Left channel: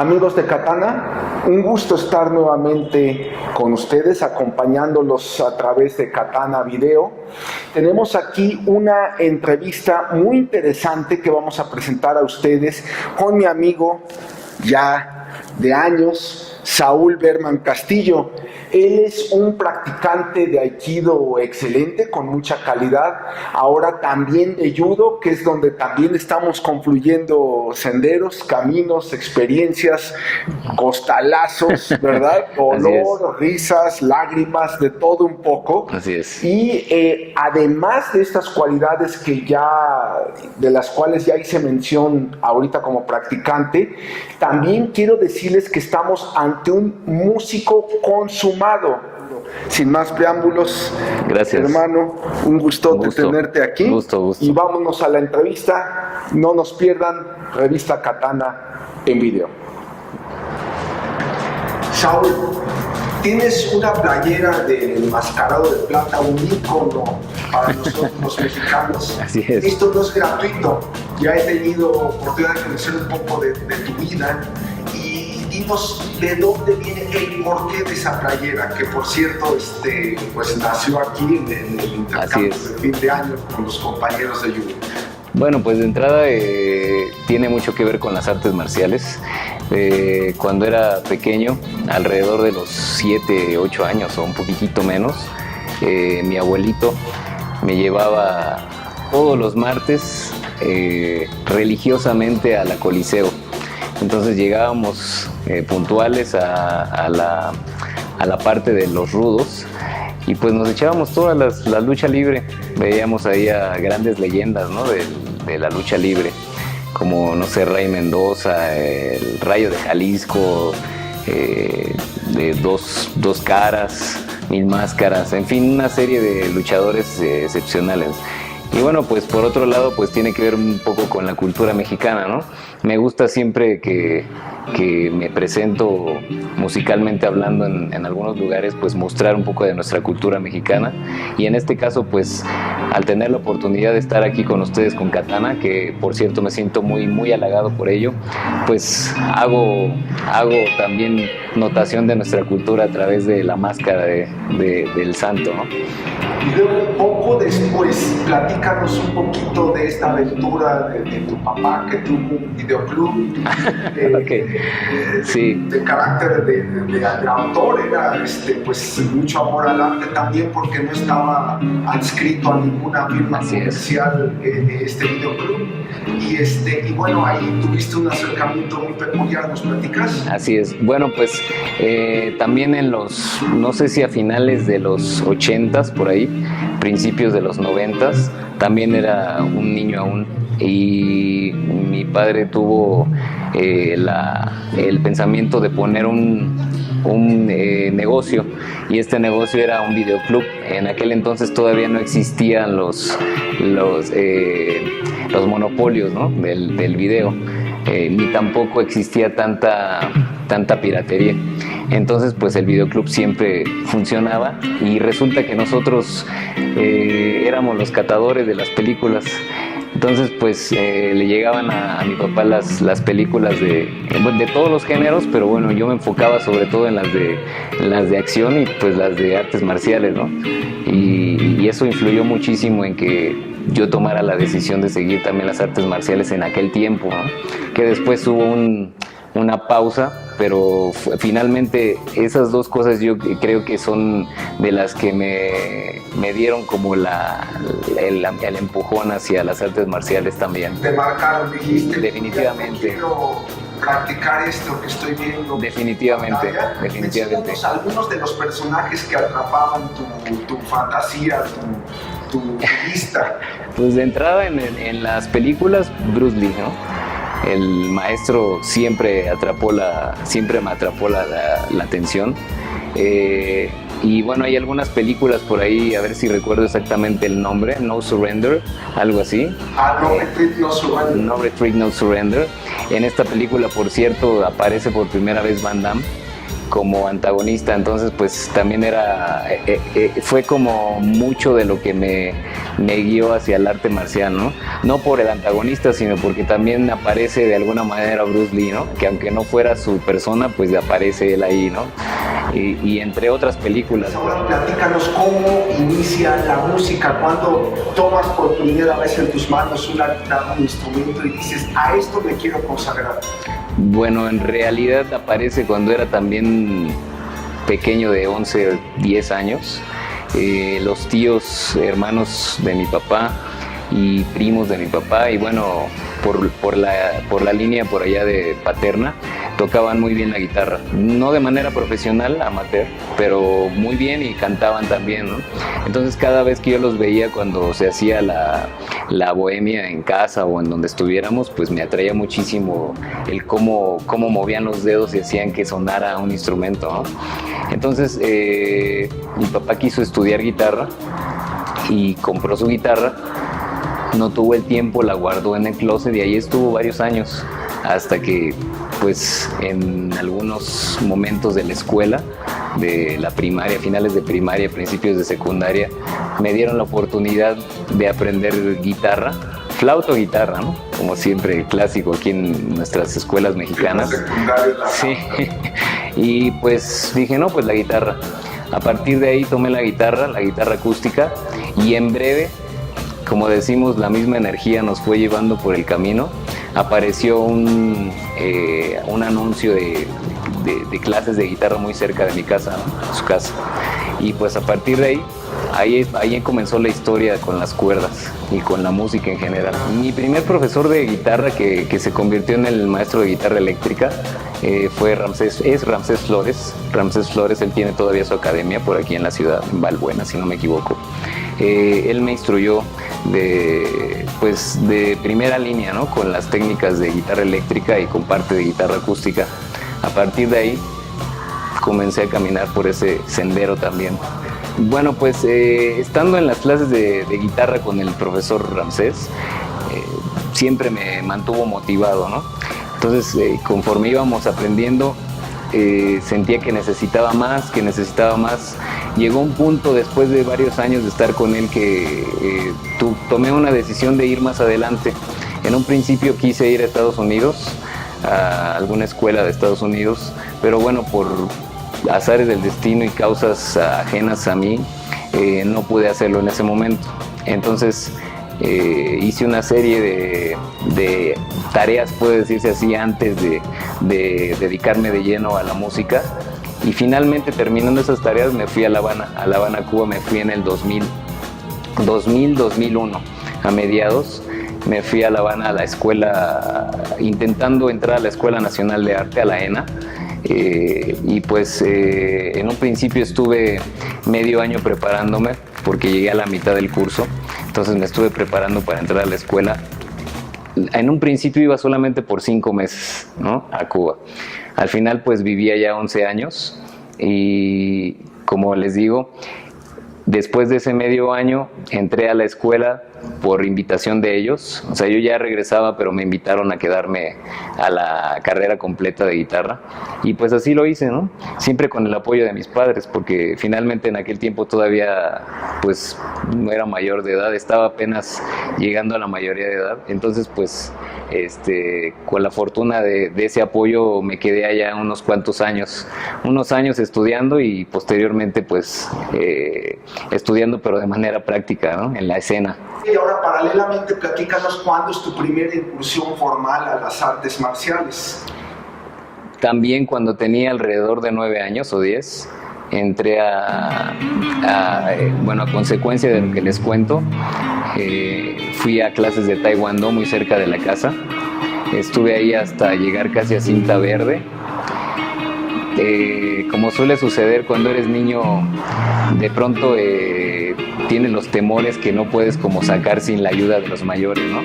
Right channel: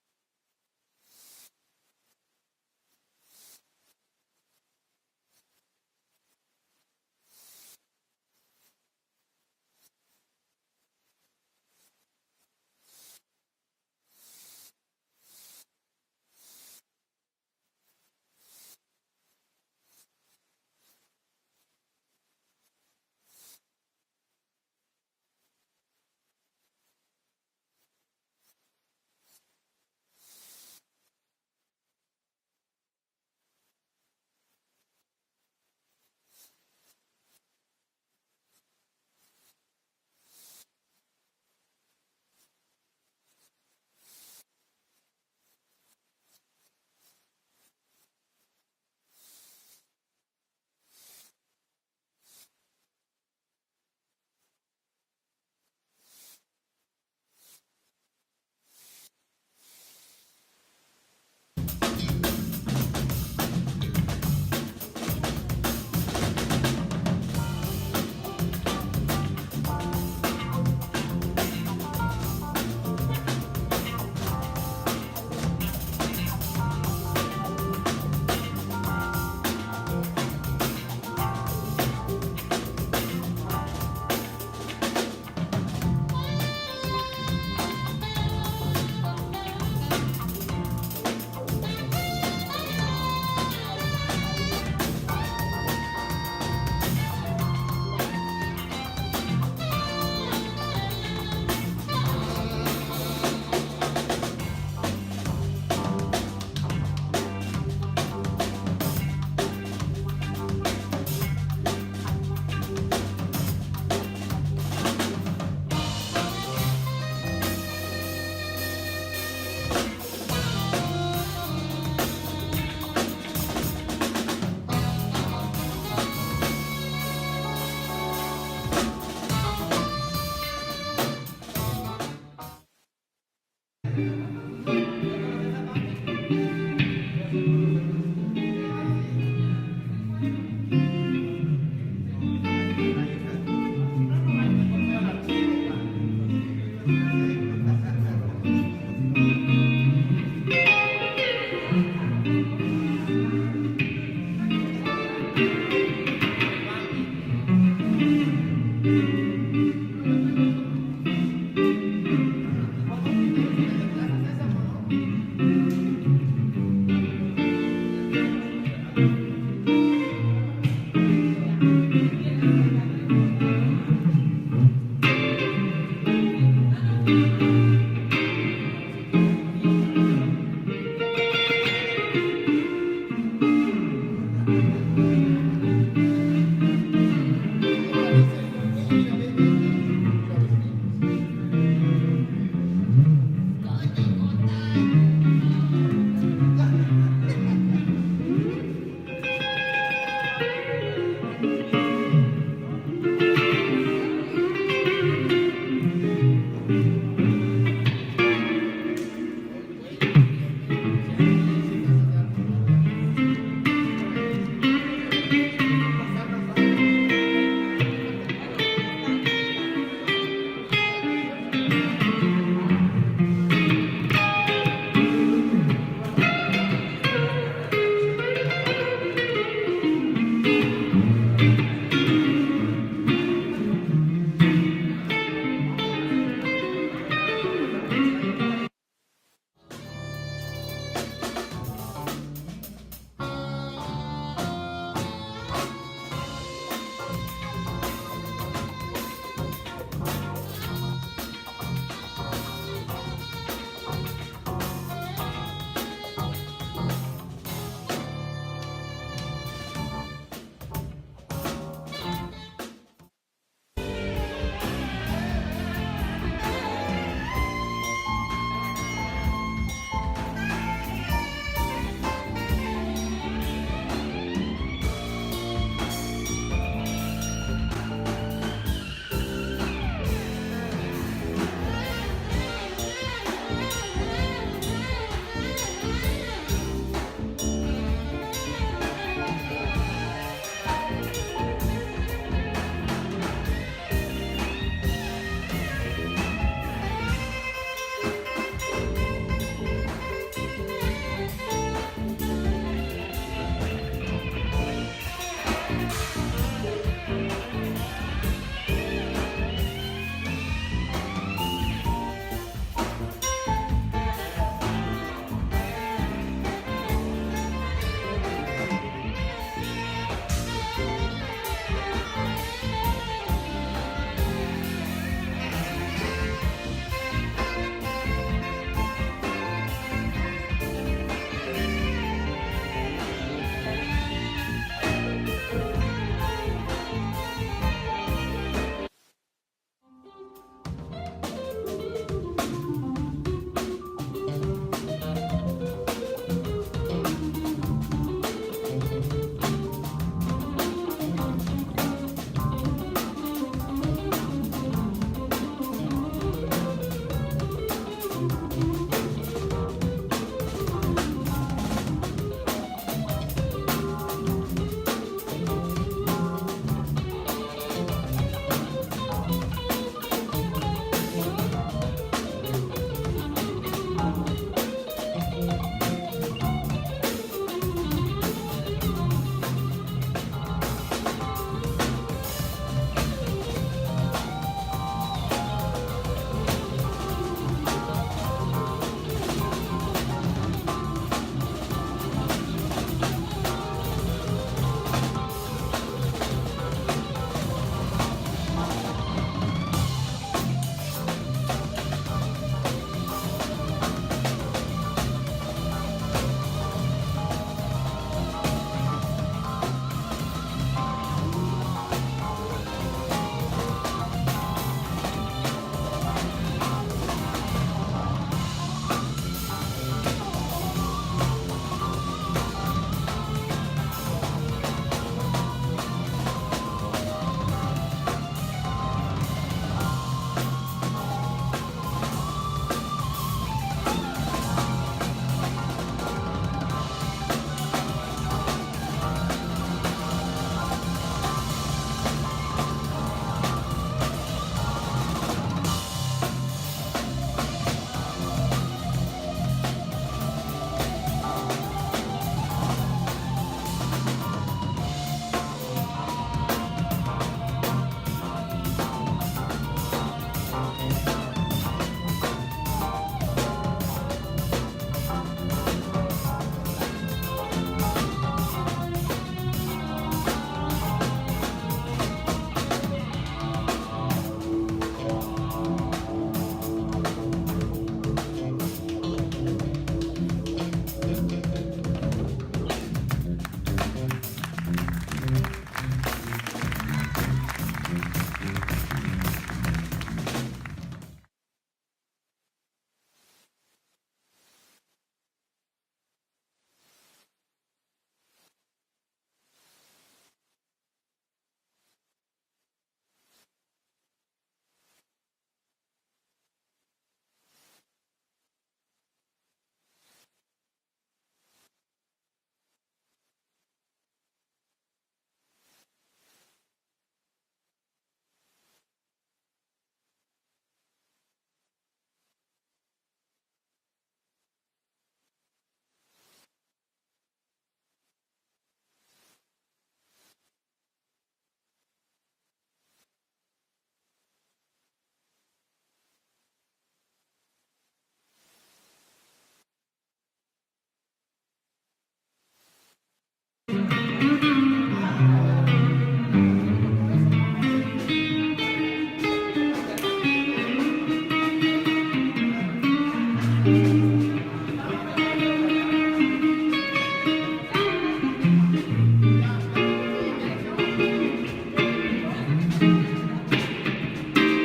Amigos de Katana, un gusto estar nuevamente con ustedes, acompañándolos a través de Katana Video. Tenemos aquí una entrevista muy interesante que vamos a presentar a ustedes con mi amigo ya de años, Saúl Berman Castillo. Él es un practicante de Aikido excelente, con mucha calidad, ahora también de Judo, que es donde también estamos confluyendo senderos, caminos, experiencias, costalazos, ¿verdad? Dolor, risas, lágrimas, de todo un poco. Así es. Y además de estas cualidades de las cuales ya hice mención ahorita como practicante, también quiero decirles que estamos ante un músico consumado. Sin más preámbulos, gracias, hermano, un gustote tenerte aquí. Gusto. Y vámonos a la entrevista. No nos pierdan, Revista Katana en video. Saúl, tienes una playera del Enmascarado de Plata, un ícono para nosotros los mexicanos. Así es. Esto no es gratuito. Ya he tenido oportunidad de conocer un poco de tu vida. ¿De dónde viene el porqué de esa playera? Que por cierto, pues nació aquí en el intercambio de fin de año con los compañeros de Judo. Bueno, pues de entrada tiene mucho que ver con las artes marciales. Cuando era pequeño, alrededor de los 7, 8 años o un poquitito menos, mi abuelito me llevaba todos los martes religiosamente a la Coliseo. Entonces llegábamos puntuales a la parte de los rudos y pues nos echábamos toda la lucha libre. Veíamos ahí a grandes leyendas, ¿no? de la lucha libre, como, no sé, Rey Mendoza, el Rayo de Jalisco, de dos caras, Mil Máscaras, en fin, una serie de luchadores excepcionales. Y bueno, pues por otro lado, pues tiene que ver un poco con la cultura mexicana, ¿no? Me gusta siempre que me presento musicalmente hablando en algunos lugares, pues mostrar un poco de nuestra cultura mexicana. Y en este caso, pues al tener la oportunidad de estar aquí con ustedes con Katana, que por cierto me siento muy, muy halagado por ello, pues hago también notación de nuestra cultura a través de la máscara del santo, ¿no? Y luego, poco después, platícanos un poquito de esta aventura de tu papá, que tuvo un videoclub sí. de carácter de autor, era pues mucho amor al arte también, porque no estaba adscrito a ninguna firma comercial este videoclub. Y bueno, ahí tuviste un acercamiento muy peculiar, ¿nos platicas? Así es. Bueno, pues también no sé si a finales de los 80s, por ahí, principios de los 90s, también era un niño aún, y mi padre tuvo el pensamiento de poner un negocio, y este negocio era un videoclub. En aquel entonces todavía no existían los monopolios, ¿no? del video, ni tampoco existía tanta piratería. Entonces pues el videoclub siempre funcionaba, y resulta que nosotros éramos los catadores de las películas. Entonces pues le llegaban a mi papá las películas de todos los géneros, pero bueno, yo me enfocaba sobre todo en las de acción y pues las de artes marciales, ¿no? Y eso influyó muchísimo en que yo tomara la decisión de seguir también las artes marciales en aquel tiempo, ¿no? Que después hubo una pausa, pero finalmente esas dos cosas yo creo que son de las que me dieron como el empujón hacia las artes marciales también. Te marcaron, dijiste. Definitivamente. Quiero practicar esto que estoy viendo. Definitivamente. Algunos de los personajes que atrapaban tu fantasía, tu vista. Pues de entrada en las películas, Bruce Lee, ¿no? El maestro siempre me atrapó la atención. Y bueno, hay algunas películas por ahí, a ver si recuerdo exactamente el nombre, No Surrender, algo así. No Retreat, No Surrender. No Retreat, No Surrender. En esta película, por cierto, aparece por primera vez Van Damme. como antagonista, entonces pues también fue como mucho de lo que me guió hacia el arte marcial, ¿no? No por el antagonista, sino porque también aparece de alguna manera Bruce Lee, ¿no? Que aunque no fuera su persona, pues aparece él ahí, ¿no? Y entre otras películas. Platícanos cómo inicia la música, cuando tomas por primera vez en tus manos una guitarra, un instrumento y dices, a esto me quiero consagrar. Bueno, en realidad aparece cuando era también pequeño, de 11, 10 años. Los tíos, hermanos de mi papá y primos de mi papá, y bueno, por la línea por allá de paterna, tocaban muy bien la guitarra, no de manera profesional, amateur, pero muy bien, y cantaban también, ¿no? Entonces cada vez que yo los veía cuando se hacía la bohemia en casa o en donde estuviéramos, pues me atraía muchísimo el cómo movían los dedos y hacían que sonara un instrumento, ¿no? Entonces mi papá quiso estudiar guitarra y compró su guitarra, no tuvo el tiempo, la guardó en el closet y ahí estuvo varios años, hasta que pues en algunos momentos de la escuela, de la primaria, finales de primaria, principios de secundaria, me dieron la oportunidad de aprender guitarra, flauta o guitarra, ¿no? Como siempre, clásico aquí en nuestras escuelas mexicanas. Sí. Y pues dije, no, pues la guitarra. A partir de ahí tomé la guitarra acústica, y en breve, como decimos, la misma energía nos fue llevando por el camino. Apareció un anuncio de clases de guitarra muy cerca de mi casa, en su casa. Y pues a partir de ahí comenzó la historia con las cuerdas y con la música en general. Mi primer profesor de guitarra, que se convirtió en el maestro de guitarra eléctrica, fue Ramsés Flores. Ramsés Flores, él tiene todavía su academia por aquí en la ciudad, Valbuena, si no me equivoco. Él me instruyó de primera línea, ¿no? Con las técnicas de guitarra eléctrica y con parte de guitarra acústica. A partir de ahí comencé a caminar por ese sendero también. Bueno, pues estando en las clases de guitarra con el profesor Ramsés, siempre me mantuvo motivado, ¿no? Entonces, conforme íbamos aprendiendo, sentía que necesitaba más. Llegó un punto, después de varios años de estar con él, que tomé una decisión de ir más adelante. En un principio quise ir a Estados Unidos, a alguna escuela de Estados Unidos, pero bueno, por azares del destino y causas ajenas a mí, no pude hacerlo en ese momento. Entonces hice una serie de tareas, puede decirse así, antes de dedicarme de lleno a la música. Y finalmente, terminando esas tareas, me fui a La Habana, Cuba. Me fui en el 2001, a mediados. Me fui a La Habana a la escuela, intentando entrar a la Escuela Nacional de Arte, a la ENA. Y pues en un principio estuve medio año preparándome, porque llegué a la mitad del curso. Entonces me estuve preparando para entrar a la escuela. En un principio iba solamente por 5 meses, ¿no? A Cuba. Al final pues vivía ya 11 años y, como les digo, después de ese medio año entré a la escuela por invitación de ellos. O sea, yo ya regresaba, pero me invitaron a quedarme a la carrera completa de guitarra. Y pues así lo hice, ¿no? Siempre con el apoyo de mis padres, porque finalmente en aquel tiempo todavía pues no era mayor de edad, estaba apenas llegando a la mayoría de edad. Entonces pues con la fortuna de ese apoyo me quedé allá unos cuantos años, estudiando, y posteriormente pues estudiando, pero de manera práctica, ¿no? En la escena. Y ahora, paralelamente, platícanos cuándo es tu primera incursión formal a las artes marciales. También cuando tenía alrededor de 9 años o 10, entré a consecuencia de lo que les cuento, fui a clases de taekwondo muy cerca de la casa. Estuve ahí hasta llegar casi a cinta verde. Como suele suceder cuando eres niño, de pronto tienes los temores que no puedes como sacar sin la ayuda de los mayores, ¿no?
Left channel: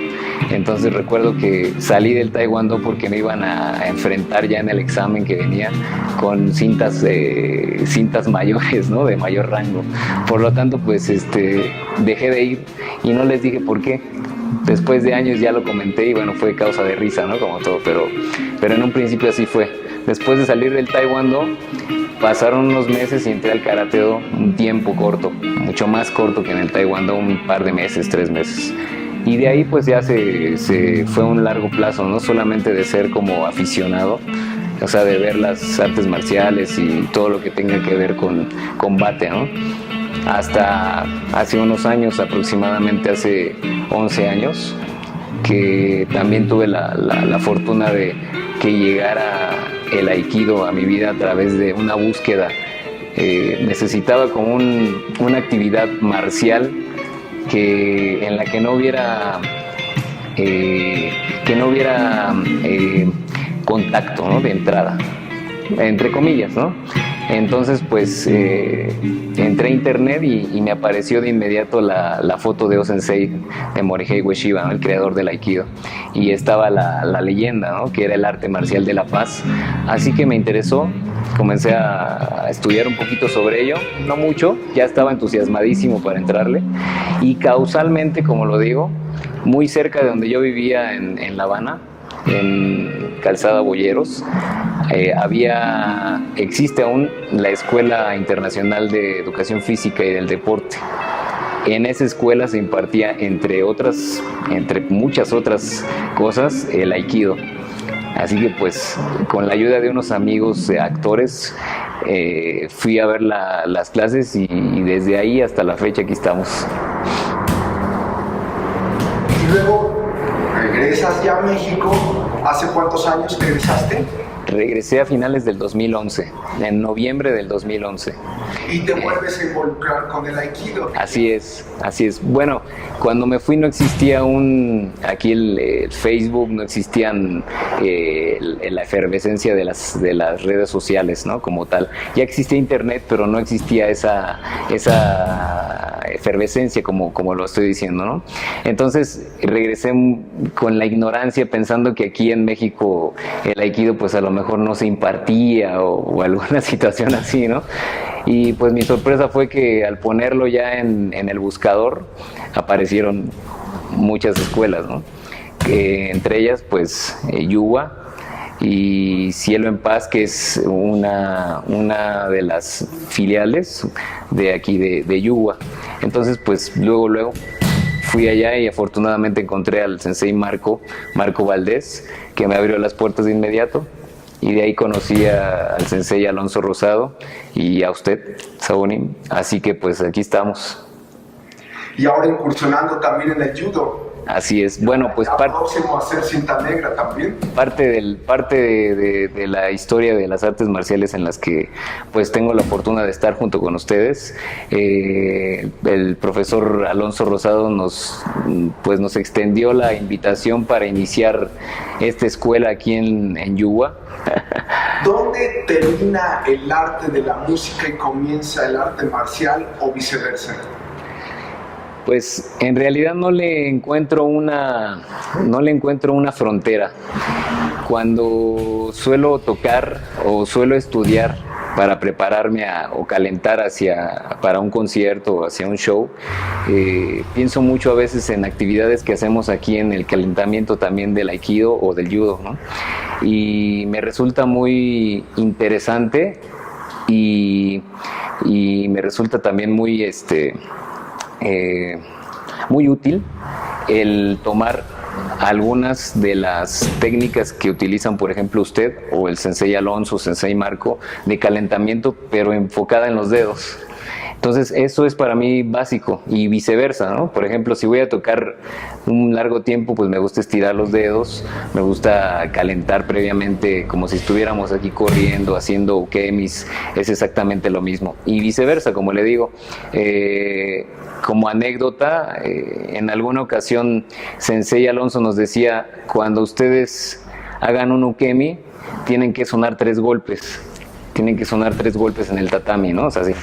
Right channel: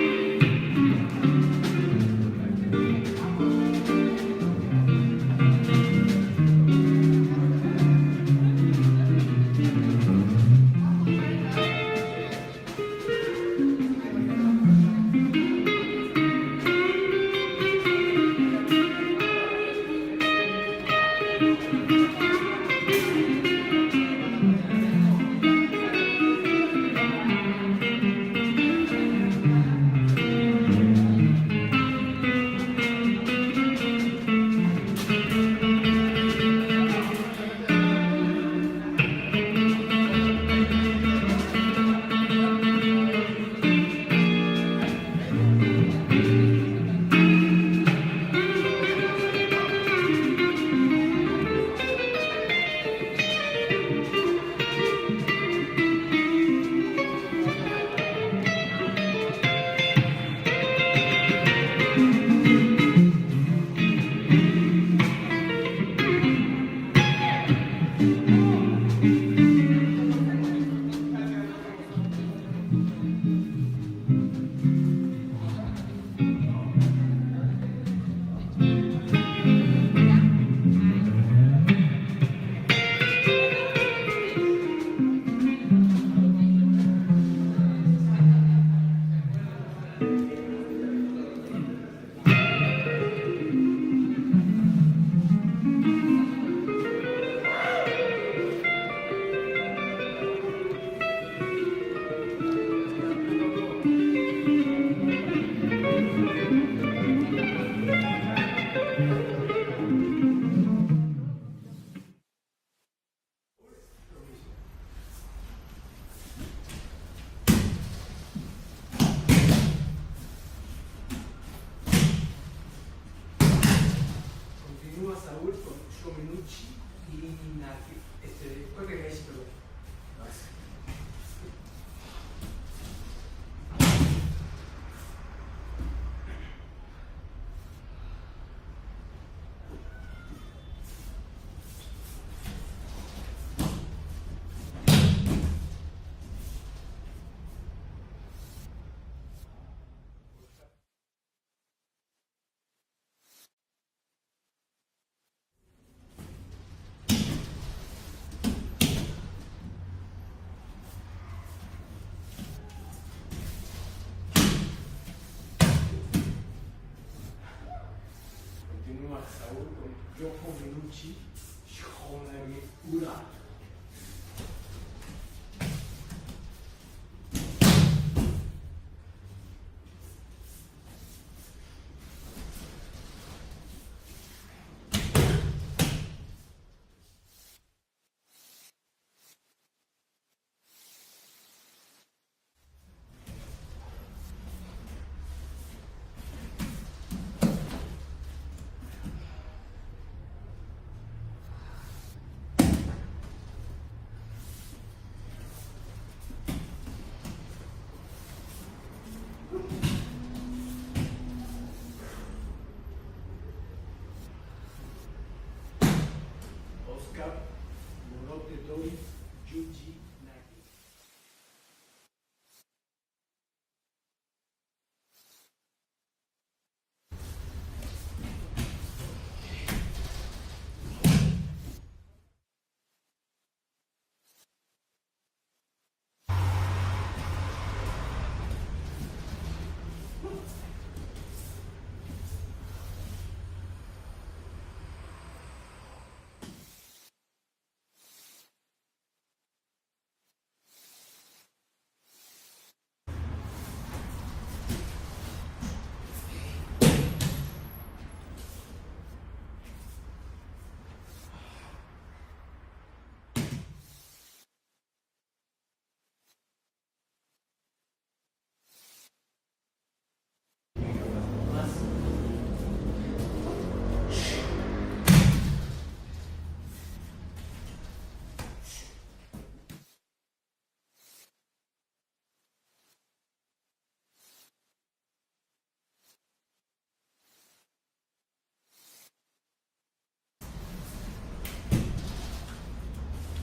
Entonces recuerdo que salí del taekwondo porque me iban a enfrentar ya en el examen que venía con cintas mayores, ¿no? De mayor rango. Por lo tanto, pues dejé de ir y no les dije por qué. Después de años ya lo comenté y bueno, fue causa de risa, ¿no? Como todo, pero en un principio así fue. Después de salir del Taekwondo, pasaron unos meses y entré al Karate-Do un tiempo corto, mucho más corto que en el Taekwondo, un par de meses, 3 meses. Y de ahí pues ya se fue un largo plazo, no solamente de ser como aficionado, o sea, de ver las artes marciales y todo lo que tenga que ver con combate, ¿no? Hasta hace unos años, aproximadamente hace 11 años, que también tuve la fortuna de que llegara el Aikido a mi vida a través de una búsqueda. Necesitaba como una actividad marcial en la que no hubiera contacto, ¿no? De entrada, entre comillas, ¿no? Entonces pues entré a internet y me apareció de inmediato la foto de O-Sensei, de Morihei Ueshiba, ¿no? El creador del Aikido, y estaba la leyenda, ¿no? Que era el arte marcial de la paz. Así que me interesó, comencé a estudiar un poquito sobre ello, no mucho, ya estaba entusiasmadísimo para entrarle, y causalmente, como lo digo, muy cerca de donde yo vivía en La Habana, en Calzada Boyeros, existe aún la Escuela Internacional de Educación Física y del Deporte. En esa escuela se impartía, entre muchas otras cosas, el Aikido. Así que pues con la ayuda de unos amigos actores fui a ver las clases y desde ahí hasta la fecha aquí estamos. Y luego regresas ya a México. ¿Hace cuántos años regresaste? Regresé a finales del 2011, en noviembre del 2011. ¿Y te vuelves a involucrar con el Aikido? Así es. Bueno, cuando me fui no existía aquí el Facebook, no existían la efervescencia de las redes sociales, ¿no? Como tal. Ya existía internet, pero no existía esa efervescencia como lo estoy diciendo, ¿no? Entonces regresé con la ignorancia, pensando que aquí en México el Aikido pues a lo mejor no se impartía o alguna situación así, ¿no? Y pues mi sorpresa fue que al ponerlo ya en el buscador aparecieron muchas escuelas, ¿no? Entre ellas pues Yuwa y Cielo en Paz, que es una de las filiales de aquí de Yuwa. Entonces pues luego fui allá y afortunadamente encontré al sensei Marco Valdés, que me abrió las puertas de inmediato, y de ahí conocí al sensei Alonso Rosado y a usted, Sabonim. Así que pues aquí estamos. Y ahora incursionando también en el judo. Así es. Bueno, pues próximo a hacer cinta negra también. Parte de la historia de las artes marciales en las que pues tengo la fortuna de estar junto con ustedes. El profesor Alonso Rosado nos extendió la invitación para iniciar esta escuela aquí en Yuwa. ¿Dónde termina el arte de la música y comienza el arte marcial o viceversa? Pues en realidad no le encuentro una frontera. Cuando suelo tocar o suelo estudiar para prepararme o calentar para un concierto o hacia un show, pienso mucho a veces en actividades que hacemos aquí en el calentamiento también del Aikido o del Judo, ¿no? Y me resulta muy interesante y me resulta también muy útil el tomar algunas de las técnicas que utilizan, por ejemplo, usted o el sensei Alonso, sensei Marco, de calentamiento, pero enfocada en los dedos. Entonces eso es para mí básico, y viceversa, ¿no? Por ejemplo, si voy a tocar un largo tiempo, pues me gusta estirar los dedos, me gusta calentar previamente como si estuviéramos aquí corriendo, haciendo ukemis, es exactamente lo mismo. Y viceversa, como le digo, como anécdota, en alguna ocasión Sensei Alonso nos decía, cuando ustedes hagan un ukemi, tienen que sonar 3 golpes. Tienen que sonar 3 golpes en el tatami, ¿no? O sea, así.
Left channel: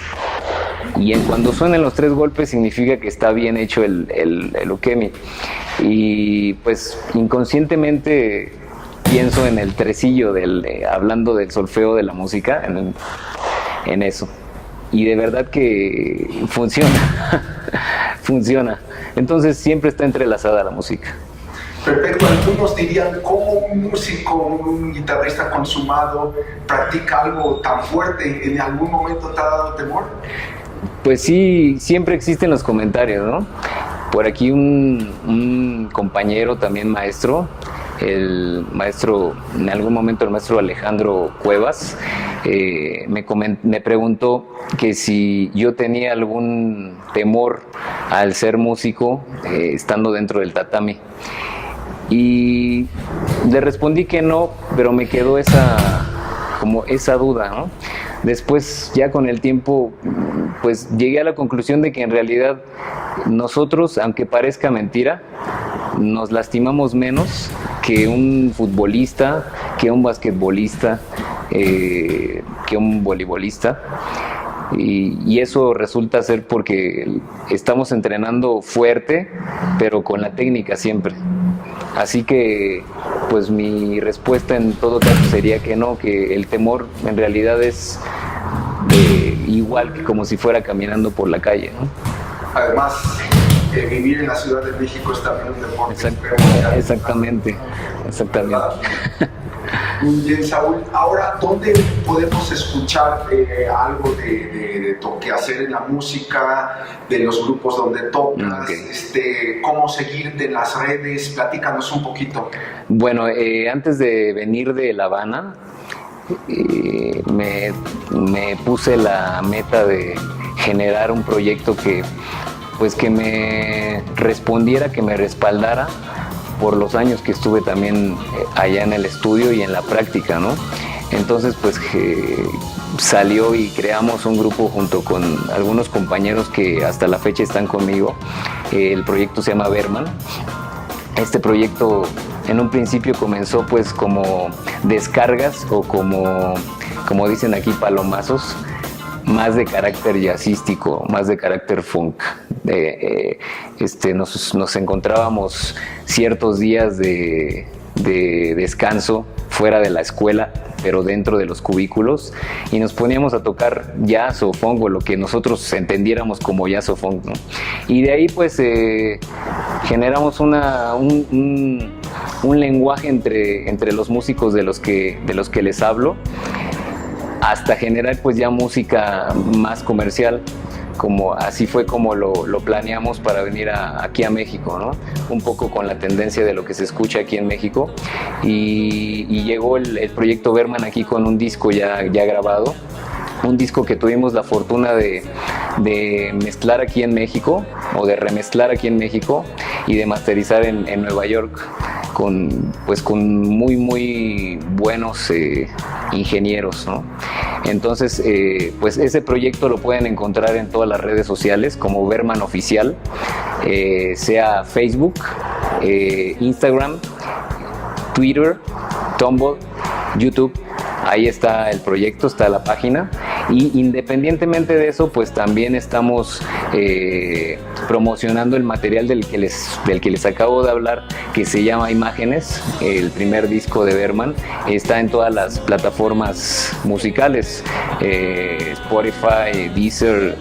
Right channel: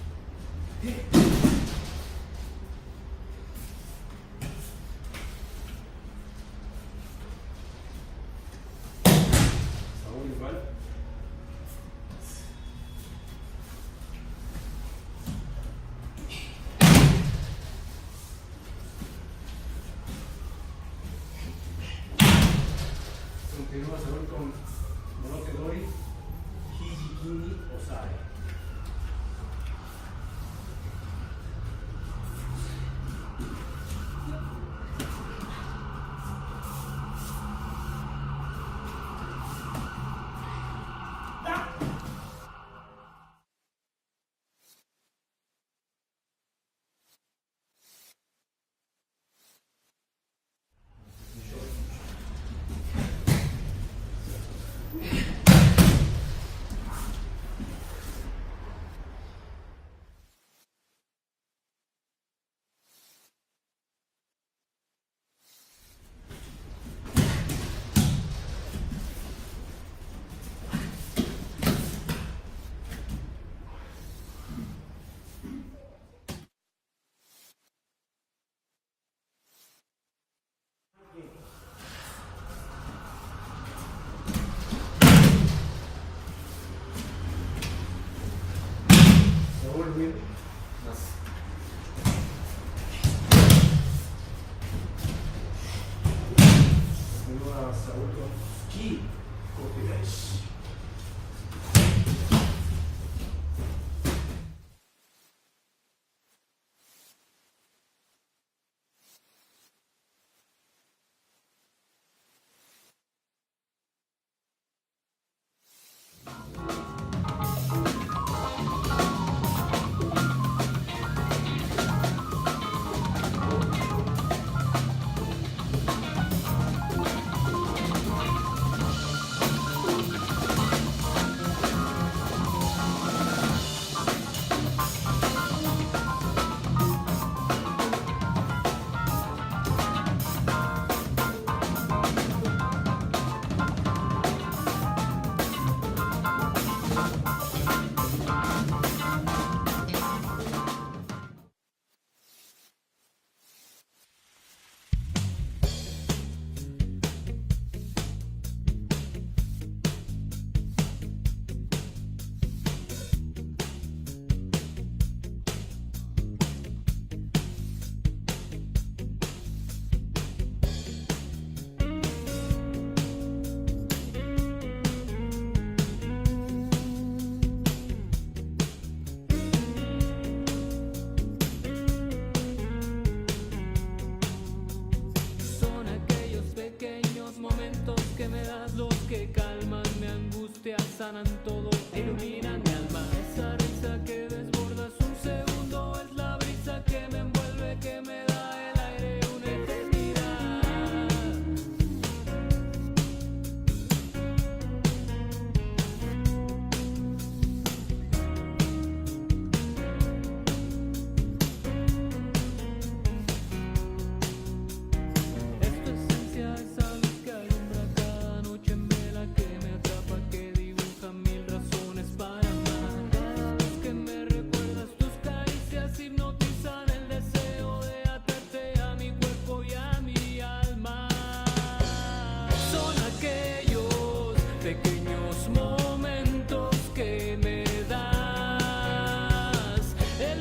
Y cuando suenen los 3 golpes significa que está bien hecho el ukemi. Y pues inconscientemente pienso en el tresillo hablando del solfeo de la música, en eso. Y de verdad que funciona. Funciona. Entonces siempre está entrelazada la música. Perfecto, algunos dirían, ¿cómo un músico, un guitarrista consumado practica algo tan fuerte? ¿En algún momento te ha dado temor? Pues sí, siempre existen los comentarios, ¿no? Por aquí un compañero también maestro, en algún momento el maestro Alejandro Cuevas, me preguntó que si yo tenía algún temor al ser músico estando dentro del tatami. Y le respondí que no, pero me quedó esa duda, ¿no? Después, ya con el tiempo, pues llegué a la conclusión de que en realidad nosotros, aunque parezca mentira, nos lastimamos menos que un futbolista, que un basquetbolista, que un voleibolista. Y eso resulta ser porque estamos entrenando fuerte, pero con la técnica siempre. Así que, pues mi respuesta en todo caso sería que no, que el temor en realidad es igual que como si fuera caminando por la calle, ¿no? Además, vivir en la Ciudad de México es también un deporte. Exactamente. Bien, Saúl, ahora, ¿dónde podemos escuchar algo de toque hacer en la música, de los grupos donde tocas, cómo seguirte en las redes? Platícanos un poquito. Bueno, antes de venir de La Habana, me puse la meta de generar un proyecto que me respondiera, que me respaldara por los años que estuve también allá en el estudio y en la práctica, ¿no? Entonces, pues salió y creamos un grupo junto con algunos compañeros que hasta la fecha están conmigo. El proyecto se llama Berman. Este proyecto en un principio comenzó pues como descargas o como dicen aquí, palomazos, más de carácter jazzístico, más de carácter funk. Nos encontrábamos ciertos días de descanso fuera de la escuela, pero dentro de los cubículos, y nos poníamos a tocar jazz o funk, o lo que nosotros entendiéramos como jazz o funk, ¿no? Y de ahí pues generamos un lenguaje entre los músicos de los que les hablo, hasta generar pues ya música más comercial. Así fue como lo planeamos para venir aquí a México, ¿no? Un poco con la tendencia de lo que se escucha aquí en México, y llegó el proyecto Berman aquí con un disco ya grabado, un disco que tuvimos la fortuna de mezclar aquí en México, o de remezclar aquí en México, y de masterizar en Nueva York con muy muy buenos ingenieros, ¿no? Entonces, pues ese proyecto lo pueden encontrar en todas las redes sociales como Berman Oficial, sea Facebook, Instagram, Twitter, Tumblr, YouTube. Ahí está el proyecto, está la página, y independientemente de eso, pues también estamos promocionando el material del que les acabo de hablar, que se llama Imágenes, el primer disco de Berman. Está en todas las plataformas musicales, Spotify, Deezer,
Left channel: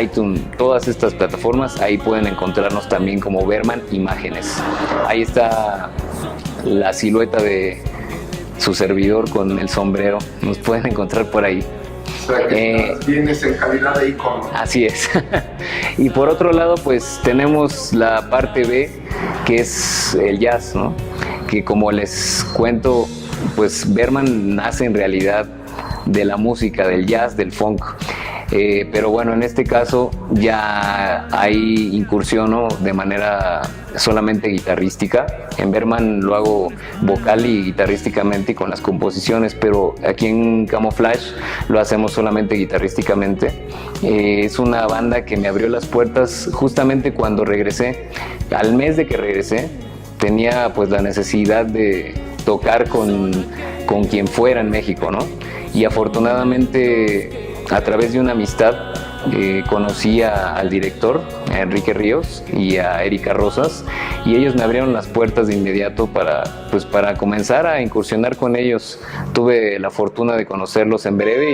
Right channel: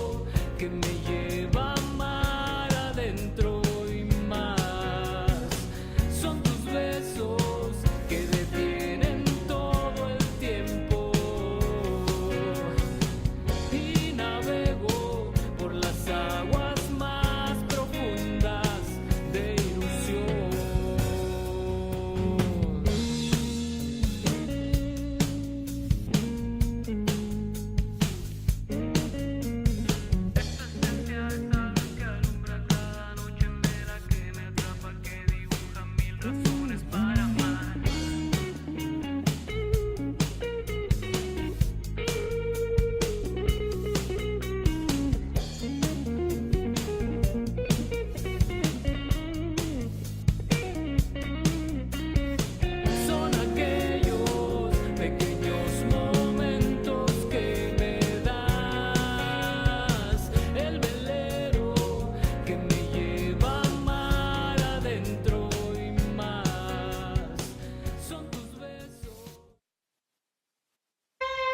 iTunes, todas estas plataformas. Ahí pueden encontrarnos también como Berman Imágenes. Ahí está la silueta de su servidor con el sombrero, nos pueden encontrar por ahí. O sea, que tienes en calidad de icono. Así es. Y por otro lado, pues tenemos la parte B, que es el jazz, ¿no? Que como les cuento, pues Berman nace en realidad de la música, del jazz, del funk. Pero bueno, en este caso ya ahí incursiono de manera solamente guitarrística. En Berman lo hago vocal y guitarrísticamente y con las composiciones, pero aquí en Camouflage lo hacemos solamente guitarrísticamente. Es una banda que me abrió las puertas justamente cuando regresé. Al mes de que regresé tenía pues la necesidad de tocar con quien fuera en México, ¿no? Y afortunadamente, a través de una amistad, conocí al director, a Enrique Ríos, y a Erika Rosas, y ellos me abrieron las puertas de inmediato para comenzar a incursionar con ellos. Tuve la fortuna de conocerlos en breve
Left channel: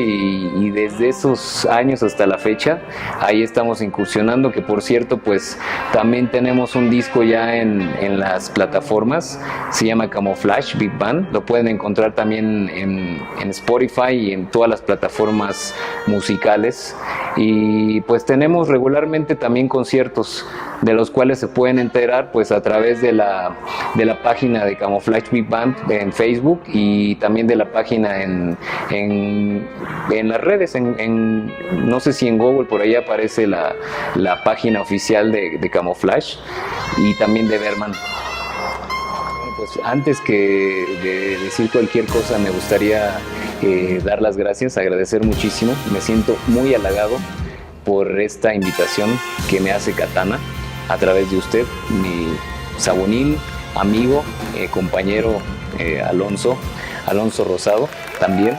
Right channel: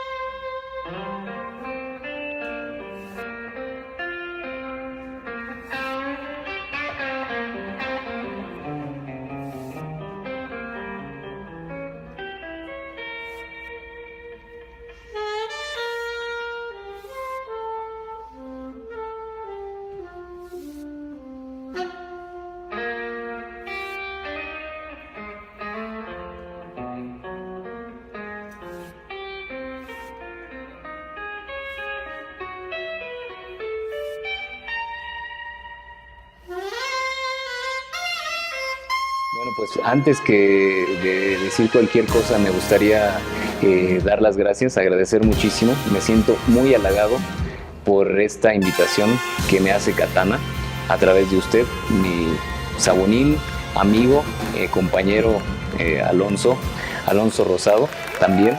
y desde esos años hasta la fecha ahí estamos incursionando, que por cierto pues también tenemos un disco ya en las plataformas, se llama Camouflage Big Band, lo pueden encontrar también en Spotify y en todas las plataformas musicales. Y pues tenemos regularmente también conciertos de los cuales se pueden enterar pues a través de la página de Camouflage Big Band en Facebook y también de la página en las redes, no sé si en Google por ahí aparece la página oficial de Camouflage y también de Berman. Bueno, pues antes que de decir cualquier cosa me gustaría dar las gracias, agradecer muchísimo, me siento muy halagado por esta invitación que me hace Katana a través de usted, mi sabonín, amigo, compañero Alonso Rosado también.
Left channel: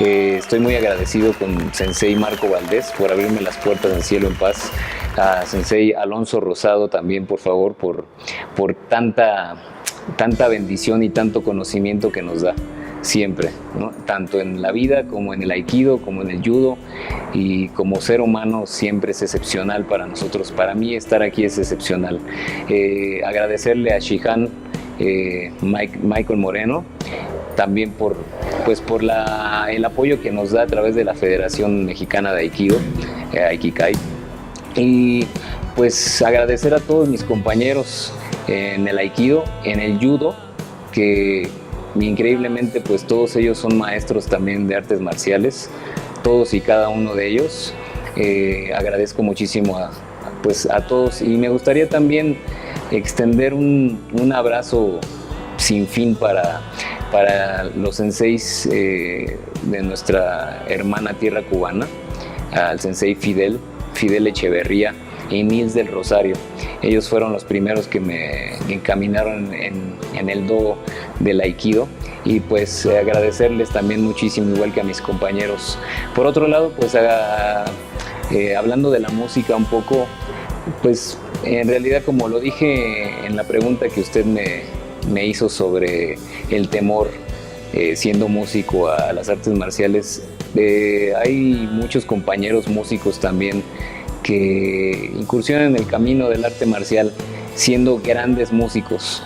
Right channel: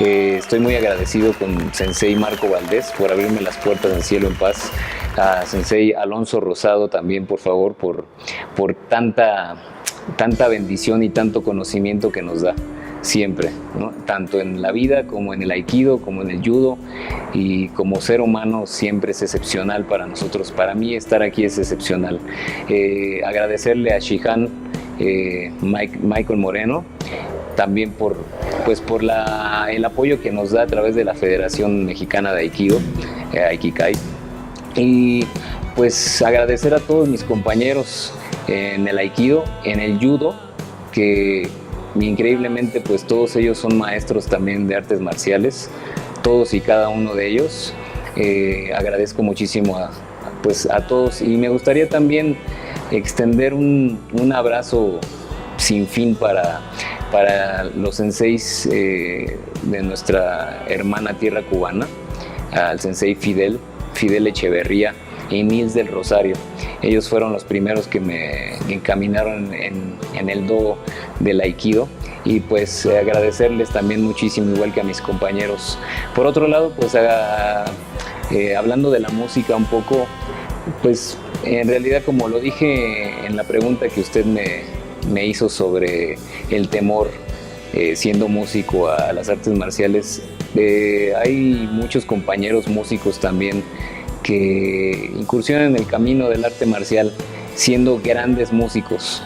Estoy muy agradecido con Sensei Marco Valdés por abrirme las puertas en Cielo en Paz, a Sensei Alonso Rosado también, por favor, por tanta bendición y tanto conocimiento que nos da siempre, ¿no? Tanto en la vida como en el aikido, como en el judo, y como ser humano siempre es excepcional para nosotros. Para mí estar aquí es excepcional. Agradecerle a Shihan Michael Moreno también por el apoyo que nos da a través de la Federación Mexicana de Aikido, Aikikai, y pues agradecer a todos mis compañeros en el aikido, en el judo, que increíblemente pues todos ellos son maestros también de artes marciales, todos y cada uno de ellos. Agradezco muchísimo a todos, y me gustaría también extender un abrazo sin fin para los senseis de nuestra hermana tierra cubana, al sensei Fidel Echeverría y Nils del Rosario. Ellos fueron los primeros que me encaminaron en el do del aikido, y pues agradecerles también muchísimo, igual que a mis compañeros. Por otro lado, pues hablando de la música un poco, pues en realidad, como lo dije en la pregunta que usted me hizo sobre el temor siendo músico a las artes marciales, hay muchos compañeros músicos también que incursionan en el camino del arte marcial siendo grandes músicos,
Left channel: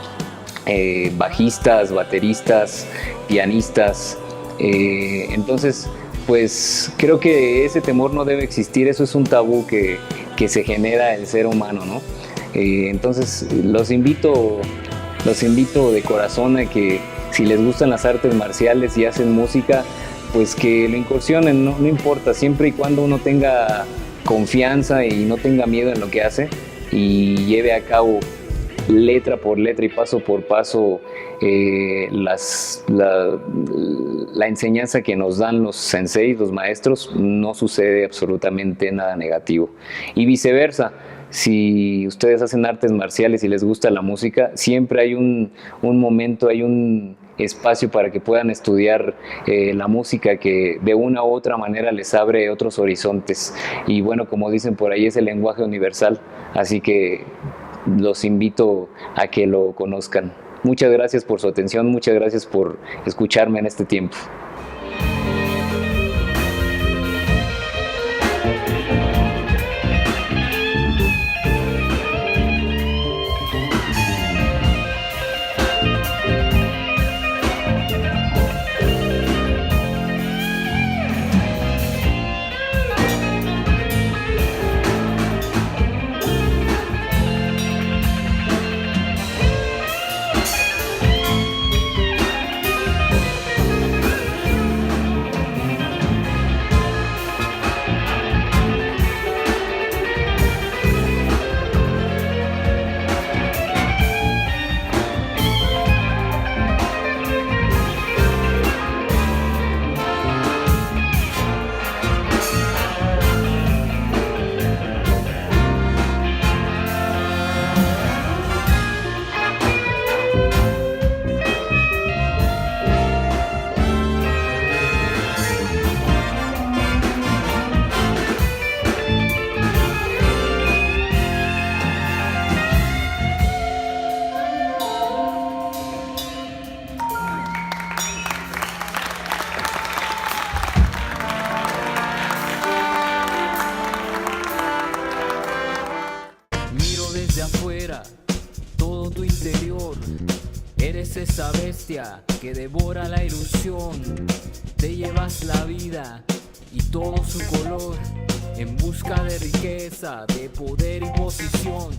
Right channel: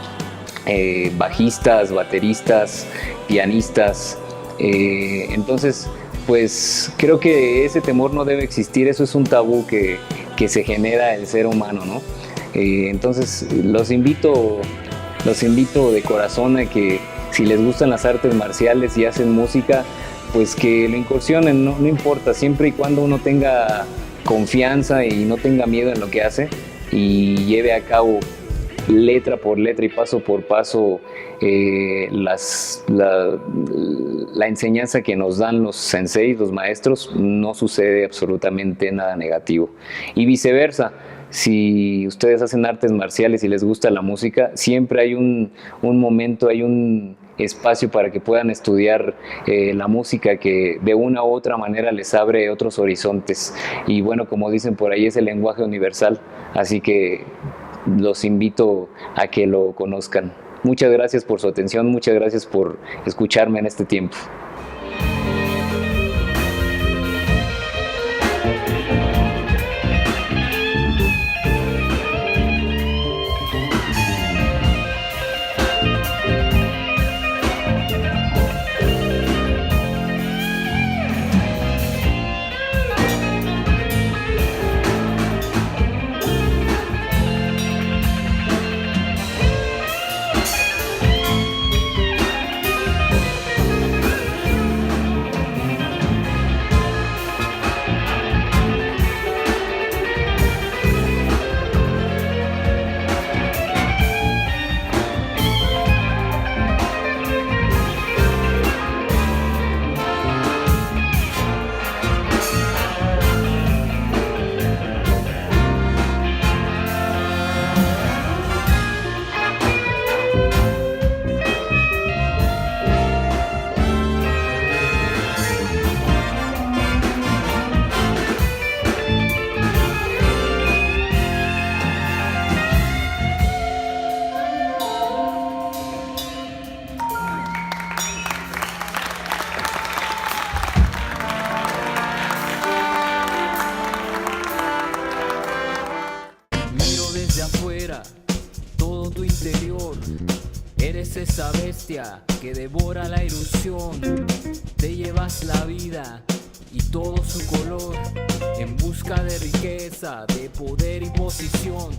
bajistas, bateristas, pianistas. Entonces, pues creo que ese temor no debe existir, eso es un tabú que se genera el ser humano, ¿no? Entonces los invito de corazón a que si les gustan las artes marciales y hacen música, pues que lo incursionen, no importa, siempre y cuando uno tenga confianza y no tenga miedo en lo que hace y lleve a cabo letra por letra y paso por paso la enseñanza que nos dan los senseis, los maestros, no sucede absolutamente nada negativo. Y viceversa, si ustedes hacen artes marciales y les gusta la música, siempre hay un momento, hay un espacio para que puedan estudiar la música, que de una u otra manera les abre otros horizontes. Y bueno, como dicen por ahí, es el lenguaje universal, así que los invito a que lo conozcan. Muchas gracias por su atención, muchas gracias por escucharme en este tiempo. interior. Eres esa bestia que devora la ilusión. Te llevas la vida y todo su color en busca de riqueza, de poder y posición.